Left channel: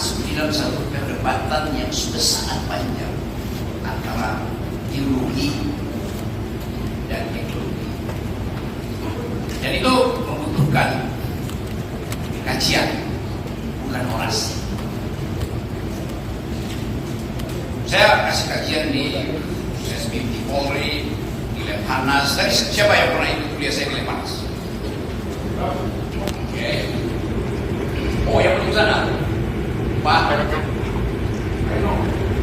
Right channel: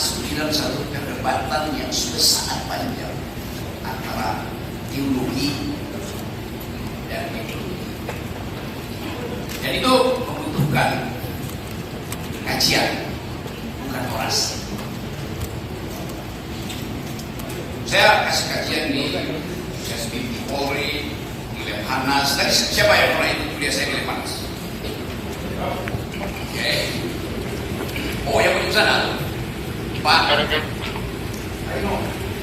masuk di dalam satu perdebatan yang sudah sangat panjang antara teologi dan ideologi. Dan itu membutuhkan kajian, bukan orasi. Saya kasih kajian di SBP Polri, di Lemhanas. Dari siapa yang pernah ikut kuliah saya di Lemhanas? Oke. Oh, yang belum sana, Pak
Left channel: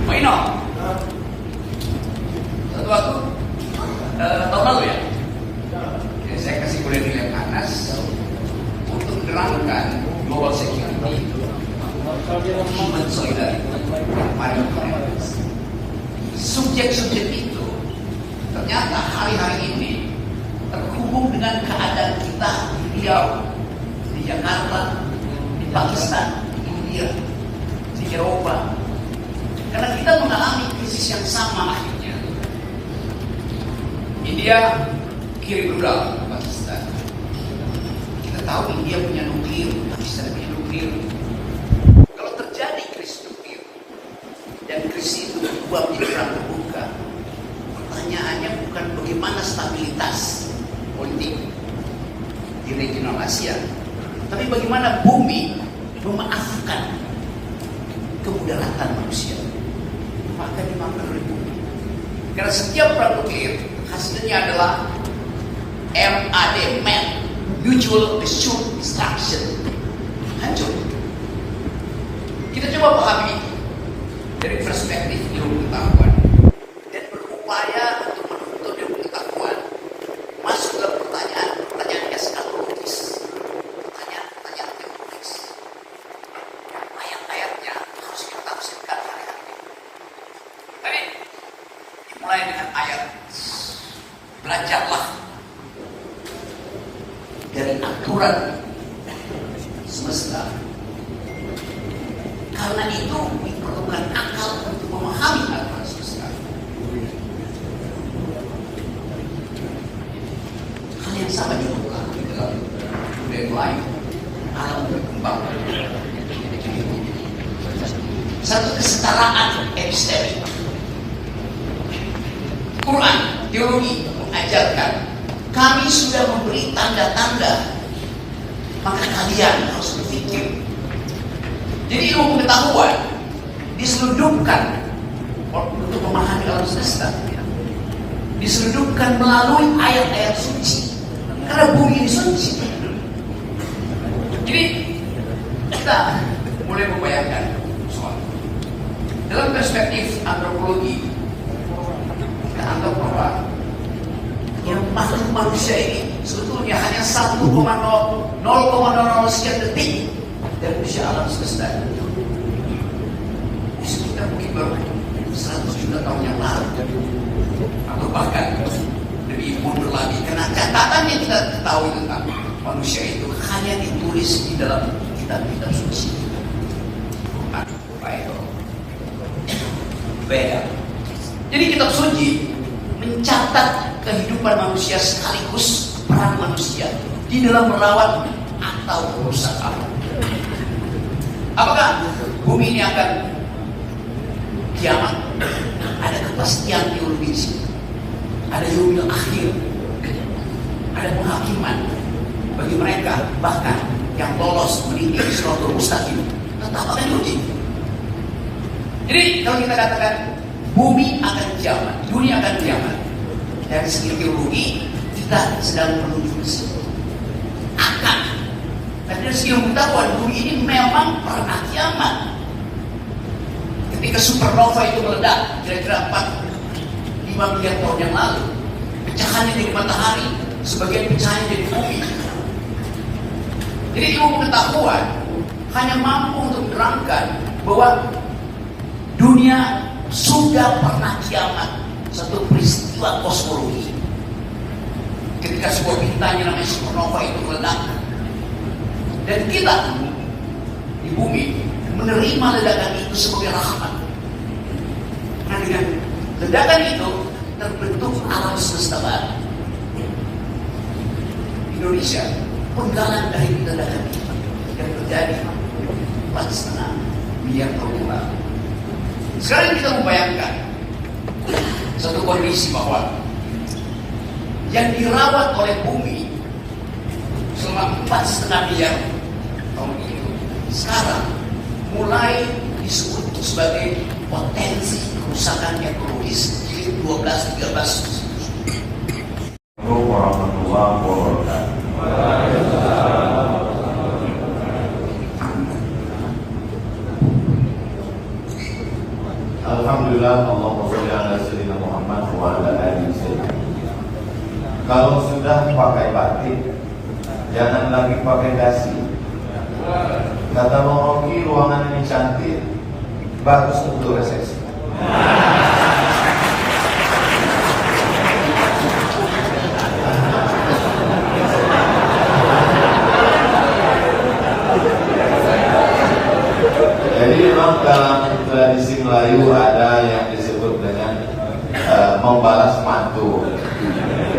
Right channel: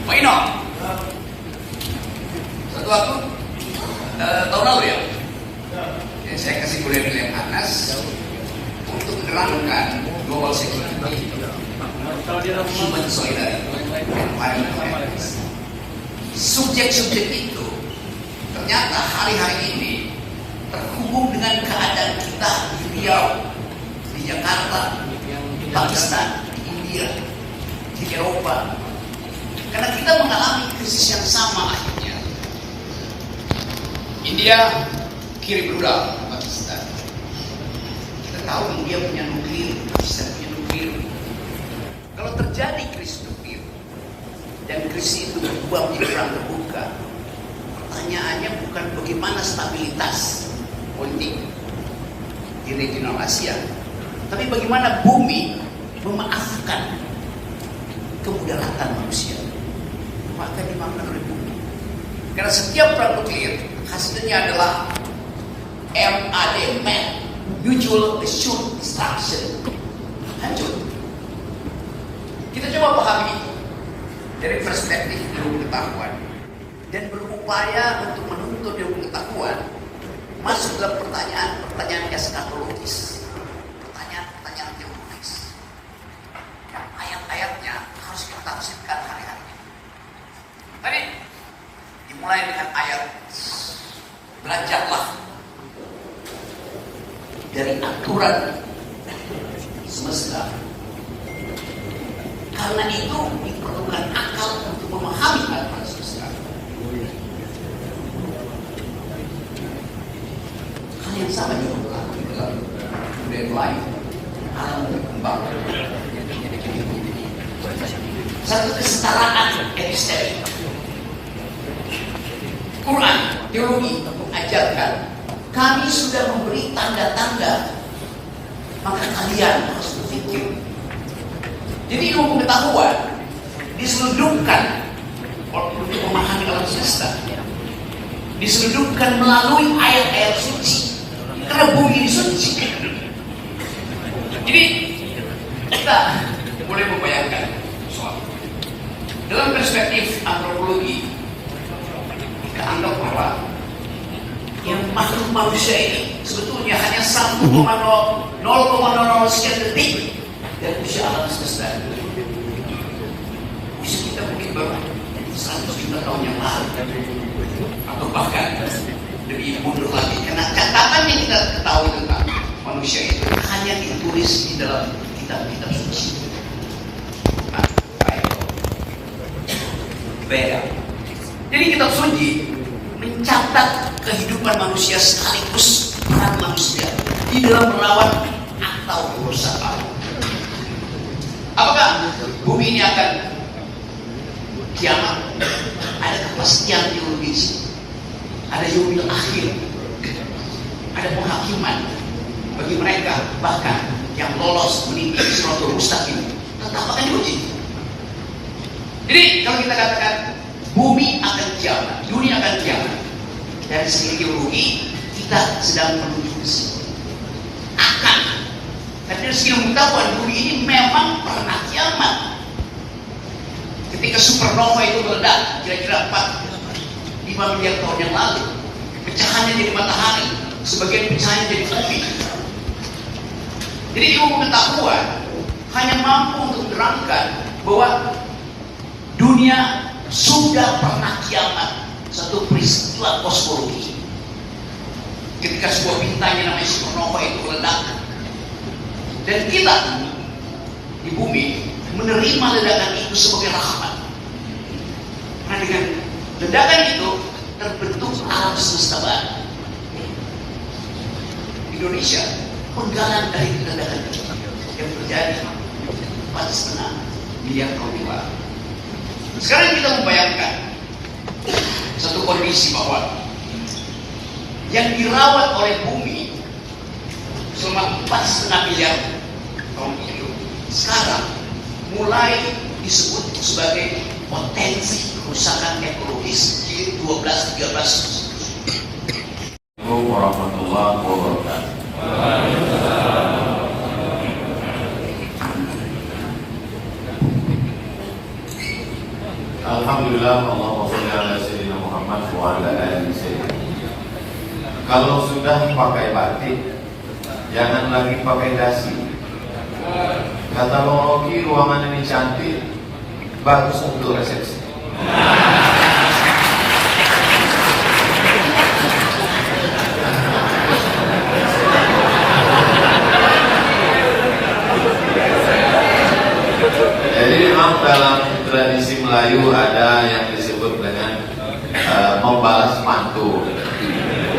Maino. Satu waktu tahun lalu ya. Jadi saya kasih kuliah di Lemhanas untuk menerangkan global security, human solidarity. Subjek-subjek itu ternyata hari-hari ini terhubung dengan keadaan kita di Riau, di Jakarta, di Pakistan, di India, di Eropa. Karena kita mengalami krisis yang sama akhirnya. India kirim rudal ke Pakistan. Kita tahu India punya nuklir, Pakistan punya nuklir. Kalau terjadi krisis nuklir dan krisis itu berubah menjadi terbuka, pertanyaannya bukan bagaimana stabilitas politik di regional Asia, tapi bagaimana bumi memaafkan kemudaratan manusia. Maka dimaafkan oleh bumi. Karena setiap perang nuklir hasilnya adalah MAD, Mutual Assured Destruction. Hancur. Kita coba pahami itu dari perspektif ilmu pengetahuan dan berupaya untuk menuntut ilmu pengetahuan masuk ke pertanyaan eskatologis, pertanyaan teologis yang ayat-ayatnya harus kita tafsirkan hari-hari. Tadi dimulai dengan ayat, belajarlah dari aturan semesta. Karena itu diperlukan akal untuk memahami aturan semesta. Hal yang sama juga berlaku dalam budaya lain, alam berkembang. Satu kesetaraan epistemi. Quran, teologi mengajarkan kami sudah memberi tanda-tanda, maka kalian harus berpikir. Jadi ilmu pengetahuan diselundupkan untuk memahami alam semesta, diselundupkan melalui ayat-ayat suci, karena bumi ini suci. Jadi kita boleh membayangkan soal dalam perspektif antropologi, kita anggap bahwa yang makhluk manusia ini sebetulnya hanya 0,00 sekian detik dan usia alam semesta. Bisa kita mungkin baru 100 juta tahun yang lalu, atau bahkan lebih mundur lagi. Karena catatan yang kita ketahui tentang manusia itu hanya ditulis di dalam kitab-kitab suci. Nah, beda. Jadi kitab suci mencatat kehidupan manusia sekaligus peran manusia di dalam merawat atau merusak alam. Apakah bumi ini akan kiamat? Ada kepastian teologis, ada yaumil akhir, ada penghakiman bagi mereka bahkan yang lolos meniti Shiratal Mustaqim. Tetap akan diuji. Jadi kalau kita katakan bumi akan kiamat, dunia akan kiamat, dari segi teologi kita sedang menuju disebut akan. Dan dari segi pengetahuan bumi ini memang pernah kiamat. Ketika supernova itu meledak kira-kira 4-5 miliar tahun yang lalu, pecahannya jadi matahari, sebagian pecahannya jadi bumi. Jadi ilmu pengetahuan hanya mampu untuk menerangkan bahwa dunia sudah pernah kiamat, satu peristiwa kosmologi. Ketika sebuah bintang yang namanya supernova itu meledak, dan kita di bumi menerima ledakan itu sebagai rahmat. Nah, dengan ledakan itu terbentuk alam semesta baru. Indonesia penggalan dari ledakan itu yang terjadi Pakistan miliar tahun yang lalu. Sekarang kita membayangkan satu kondisi bahwa yang dirawat oleh bumi selama 4,5 miliar tahun itu sekarang mulai disebut sebagai potensi kerusakan ekologis jilid 12-13. Assalamualaikum warahmatullahi wabarakatuh. Alhamdulillah, Allahumma sholli ala sayyidina Muhammad wa ala alihi sayyidina. Kalau sudah pakai batik, jangan lagi pakai dasi. Kata Bang Rocky, ruangan ini cantik, bagus untuk resepsi. Jadi memang dalam tradisi Melayu ada yang disebut dengan membalas mantu.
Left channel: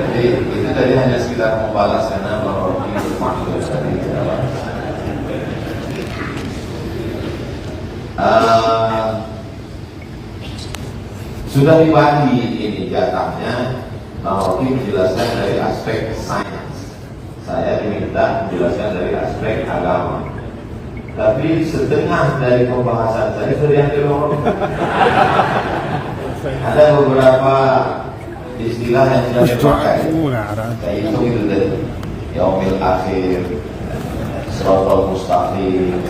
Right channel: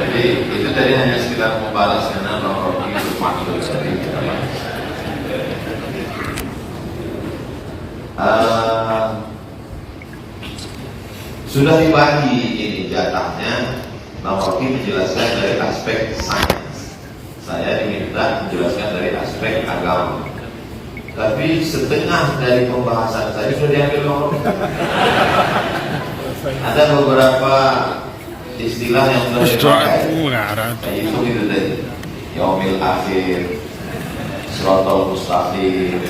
Jadi itu tadi hanya sekedar membalas karena nomor itu mantu tadi. Sudah dibagi ini jatahnya. Bang Rocky menjelaskan dari aspek sains, saya diminta menjelaskan dari aspek agama. Tapi setengah dari pembahasan saya sudah diambil orang. Ada beberapa istilah yang sudah dipakai. Yaitu itu tadi, yaumil akhir, siratal mustaqim,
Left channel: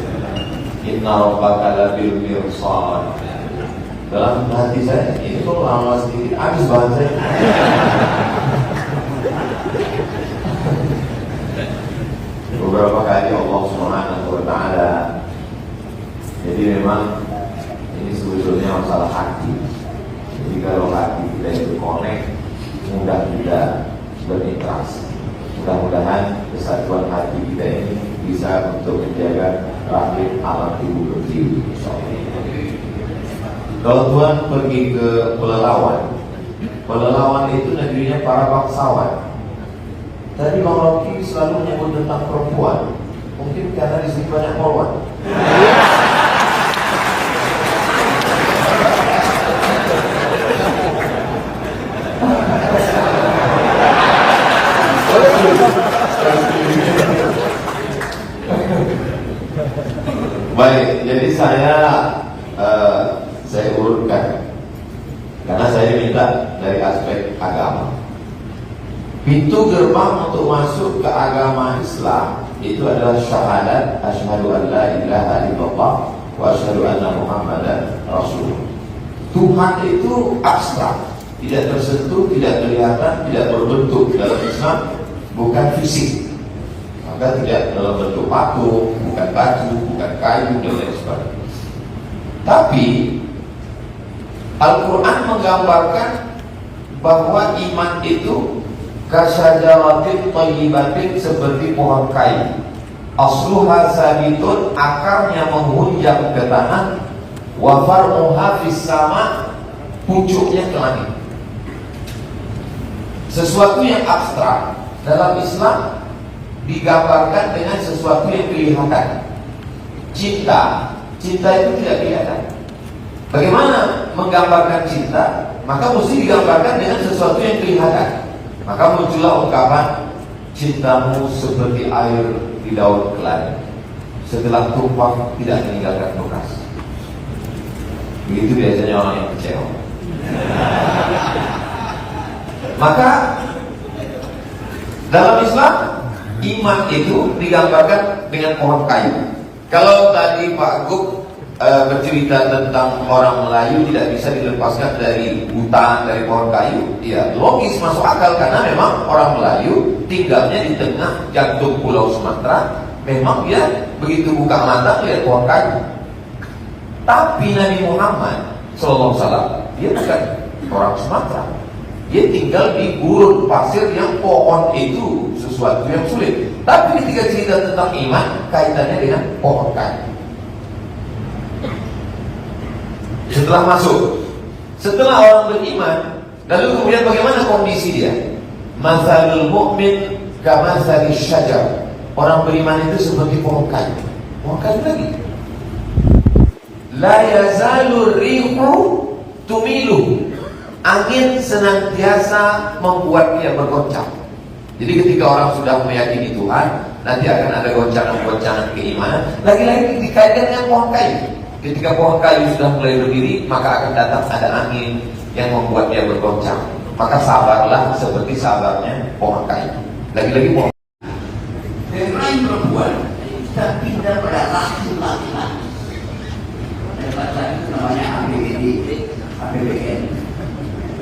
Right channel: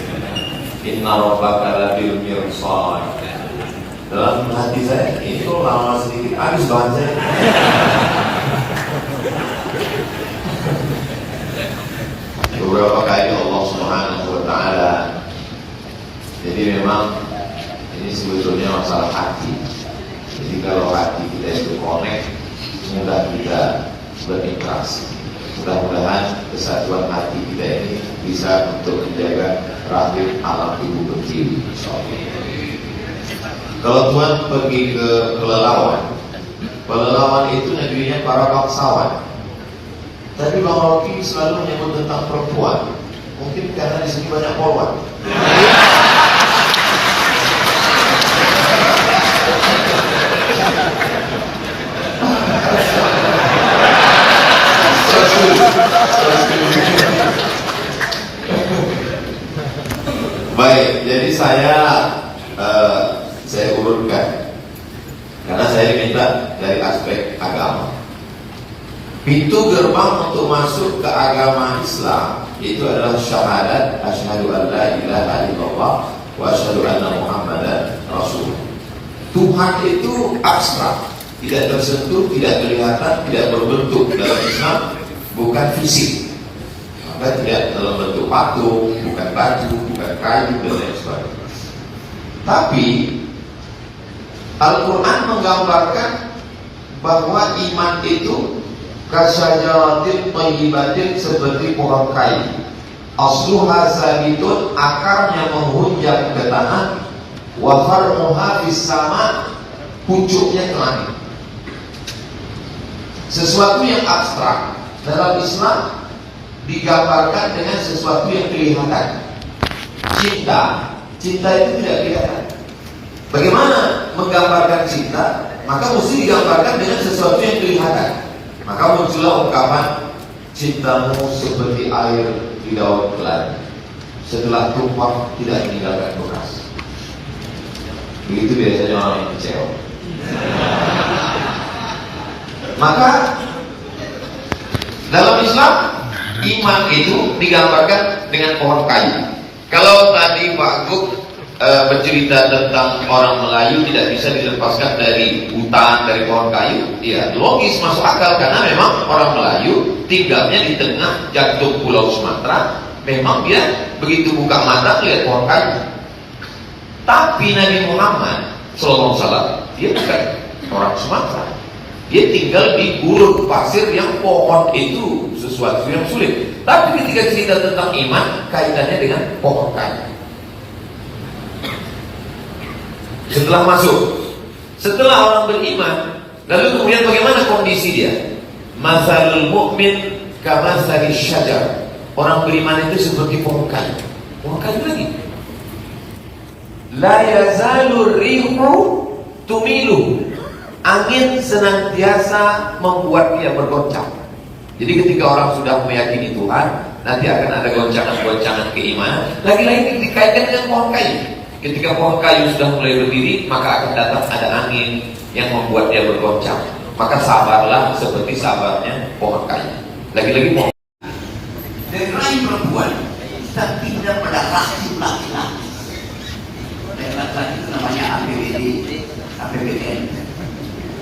inna rabbaka labil mirsad. Dalam hati saya, ini kok lama sedikit habis bahan saya. Beberapa kali Allah Subhanahu wa Ta'ala. Jadi memang ini sebetulnya masalah hati. Jadi kalau hati kita itu connect, mudah kita berinteraksi. Mudah-mudahan kesatuan hati kita ini bisa untuk menjaga rahim alam ibu kecil. Kalau Tuhan pergi ke pelelawan itu negerinya para bangsawan. Tapi Bang Rocky selalu menyebut tentang perempuan. Mungkin karena di sini banyak perempuan. Baik, jadi saya urutkan karena saya minta dari aspek agama. Pintu gerbang untuk masuk ke agama Islam itu adalah syahadat asyhadu an la ilaha illallah wa asyhadu anna Muhammadan Rasulullah. Tuhan itu abstrak, tidak tersentuh, tidak kelihatan, tidak berbentuk. Dalam Islam bukan fisik, maka tidak dalam bentuk patung, bukan baju, bukan kayu dan lain sebagainya. Tapi Al-Quran menggambarkan bahwa iman itu kasyajaratin thayyibatin, seperti pohon kayu. Asluha sabitun, akarnya menghunjam ke tanah. Wa far'uha fis sama, pucuknya ke langit. Sesuatu yang abstrak dalam Islam digambarkan dengan sesuatu yang kelihatan. Cinta itu tidak kelihatan. Bagaimana menggambarkan cinta? Maka mesti digambarkan dengan sesuatu yang kelihatan. Maka muncullah ungkapan cintamu seperti air di daun keladi, setelah tumpah tidak meninggalkan bekas. Begitu biasanya orang yang kecewa. Maka dalam Islam iman itu digambarkan dengan pohon kayu. Kalau tadi Pak Guk bercerita tentang orang Melayu tidak bisa dilepaskan dari hutan, dari pohon kayu, ya logis, masuk akal, karena memang orang Melayu tinggalnya di tengah jantung Pulau Sumatera. Memang dia begitu buka mata lihat pohon kayu. Tapi Nabi Muhammad SAW dia bukan orang Sumatera, dia tinggal di gurun pasir yang pohon itu sesuatu yang sulit. Tapi ketika cerita tentang iman, kaitannya dengan pohon kayu. Setelah orang beriman, lalu kemudian bagaimana kondisi dia? Mathalul mu'min kamathali syajar. Orang beriman itu seperti pohon kayu. Pohon kayu lagi. La yazalur rihu tumilu. Angin senantiasa membuat dia bergoncang. Jadi ketika orang sudah meyakini Tuhan, nanti akan ada goncangan-goncangan keimanan. Lagi-lagi dikaitkan dengan pohon kayu. Ketika pohon kayu sudah mulai berdiri, maka akan datang ada angin yang membuat dia bergoncang. Maka sabarlah seperti sabarnya pohon kayu. Lagi-lagi pohon. Dari rahim perempuan kita pindah pada rahim laki-laki. Laki-laki itu namanya APBN,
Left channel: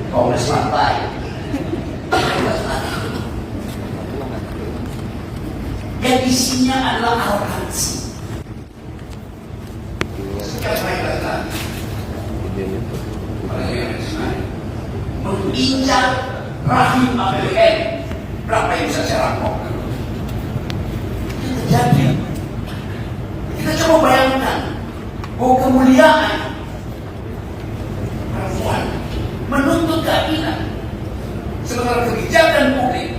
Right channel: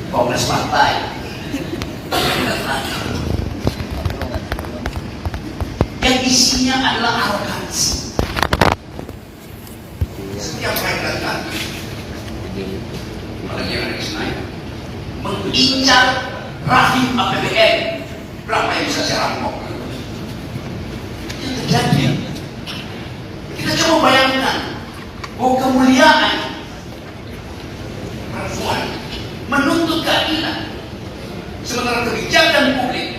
Kongres Partai. Yang isinya adalah arogansi. Setiap hari laki-laki, orang yang ada di sana, mengincar rahim APBN. Berapa yang bisa saya rampok? Itu terjadi. Kita coba bayangkan bahwa kemuliaan perempuan menuntut keadilan, sementara kebijakan publik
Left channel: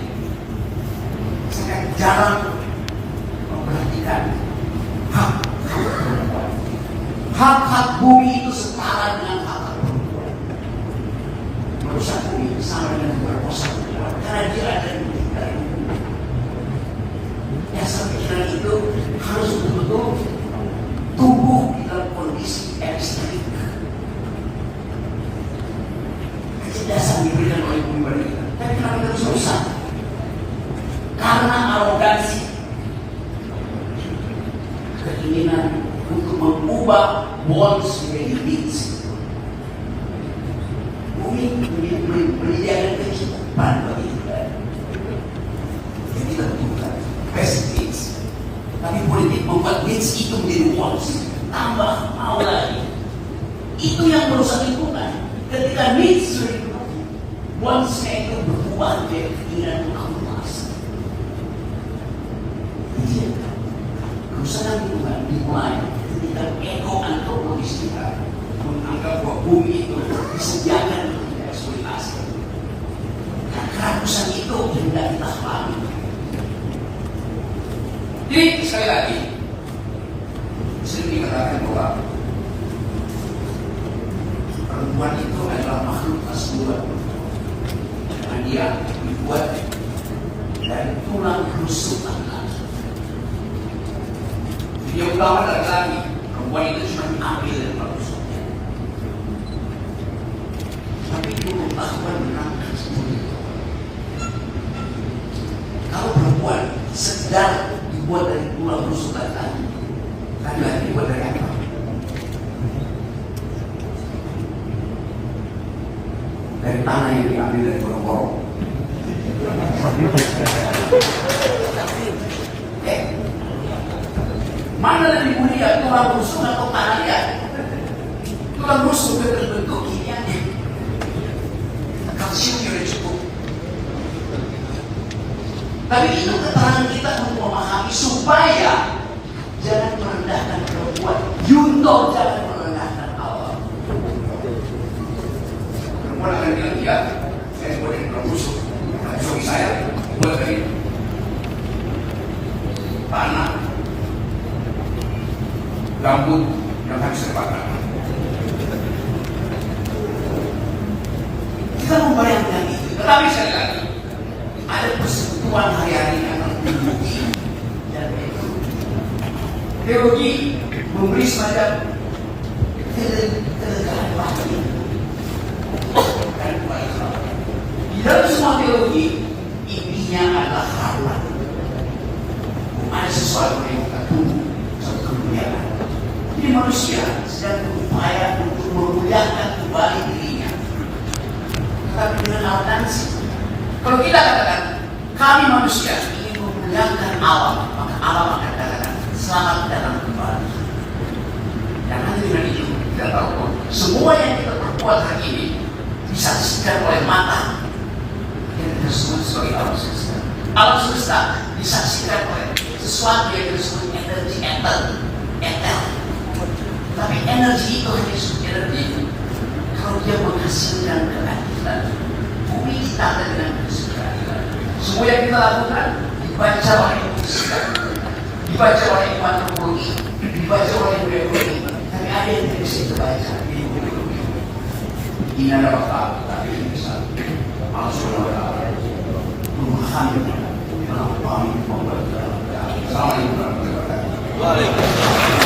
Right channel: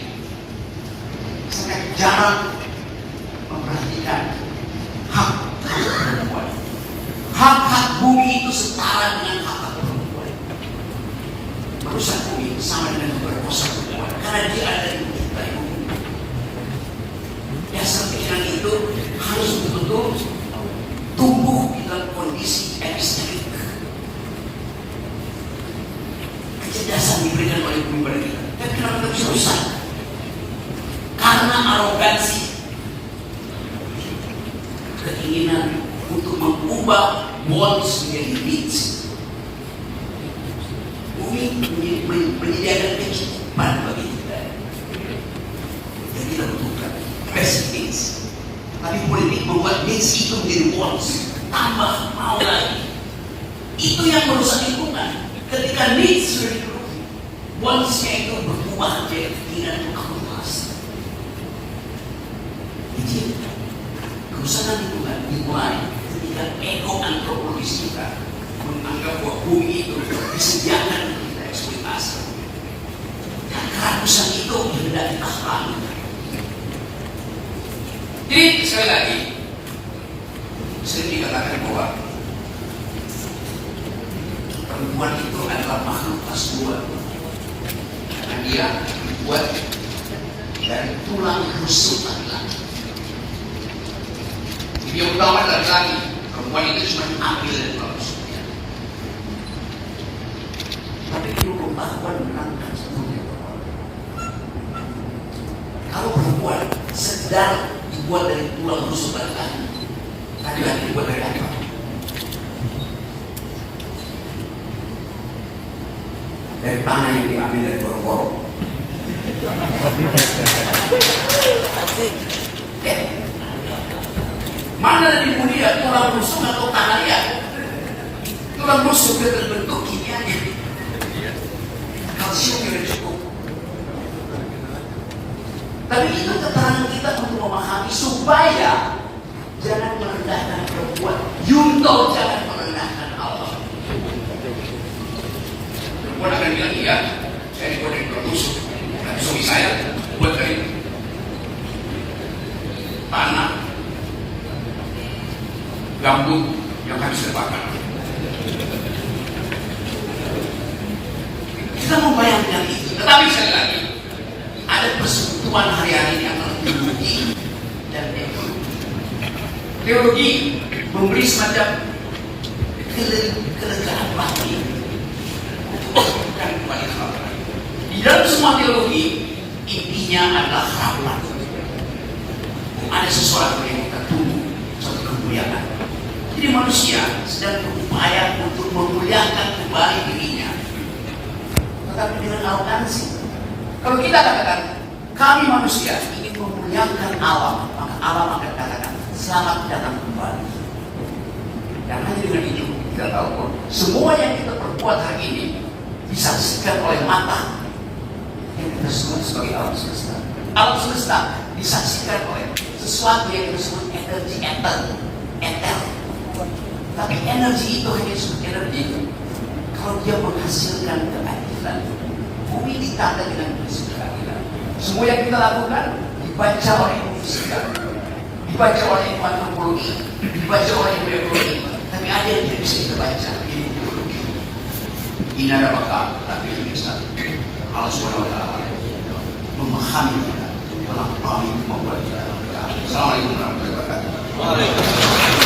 sangat jarang memperhatikan hak perempuan. Hak-hak bumi itu setara dengan hak perempuan. Merusak bumi sama dengan memperkosa perempuan, karena dia ada di menciptai bumi. Dasar pikiran itu harus betul-betul tumbuh dalam kondisi epistemik. Kecerdasan diberikan oleh bumi bagi kita, tapi kenapa kita bisa rusak? Karena arogansi, keinginan untuk mengubah wants menjadi needs. Bumi menyediakan kecukupan bagi kita. Jadi kita butuhkan basic needs. Tapi politik membuat needs itu menjadi wants. Tambah mau lagi. Itu yang merusak lingkungan. Ketika needs sudah dipenuhi, wants-nya itu berubah menjadi keinginan untuk akumulasi. Jadi kerusakan lingkungan dimulai ketika ego antropologis kita menganggap bahwa bumi itu disediakan untuk kita eksploitasi. Dan keharusan itu hendak kita pahami. Jadi sekali lagi sering dikatakan bahwa perempuan itu adalah makhluk asbun, karena dia dibuat dari tulang rusuk laki-laki. Dia utama laki-laki, perempuan itu cuma ambil dari tulang rusuknya. Tapi dulu perempuan menangkan sepenuhnya perempuan. Kalau perempuan sekedar dibuat dari tulang rusuk laki-laki, laki-laki dibuat dari apa? Dari tanah yang diambil dari gorong-gorong. Ya. Mana lebih mulia, tulang rusuk atau tanah liat? Tulang rusuk dia berbentuk kimianya. Kalsium tidak cukup. Tapi itu keterangan kita untuk memahami supaya jangan merendahkan perempuan. Yunto jangan merendahkan Allah. Perempuan akan bilang, iya, saya dibuat dari tulang rusuk. Tapi suami saya buat dari tanah, gambut yang harus terbakar. Kita membayangkan itu, tetapi sekali lagi ada persekutuan hari-hari yang teologi dan teologi. Teologi memberi semacam kelegaan batin dan kembali ke Allah. Di dalam semua teologi intinya adalah rahmat. Ada sesuatu yang kita tunggu, suatu kemuliaan. Jadi manusia sedang berupaya untuk memuliakan kembali dirinya, tetapi dengan arogansi. Kalau kita katakan kami manusia ingin memuliakan alam, maka alam akan katakan selamat datang kembali. Dan hanya dengan itu kita tahu semua yang kita perbuat hari ini disaksikan oleh mata yang kita sebut sebagai alam semesta. Alam semesta disaksikan oleh sesuatu yang disebut energi etel. Tapi energi itu hanya disebut energi kalau dia menghasilkan keadilan. Bumi ditata dengan keadilan. Semua yang kita lakukan dibaca oleh fisika, dibaca oleh antropologi, dibaca oleh biologi. Tapi Tapi ada yang tidak bisa kita baca. Ini ada bakal, tapi ini bisa. Allah SWT memahami kita, melampaui kemampuan kita. Assalamualaikum warahmatullahi wabarakatuh.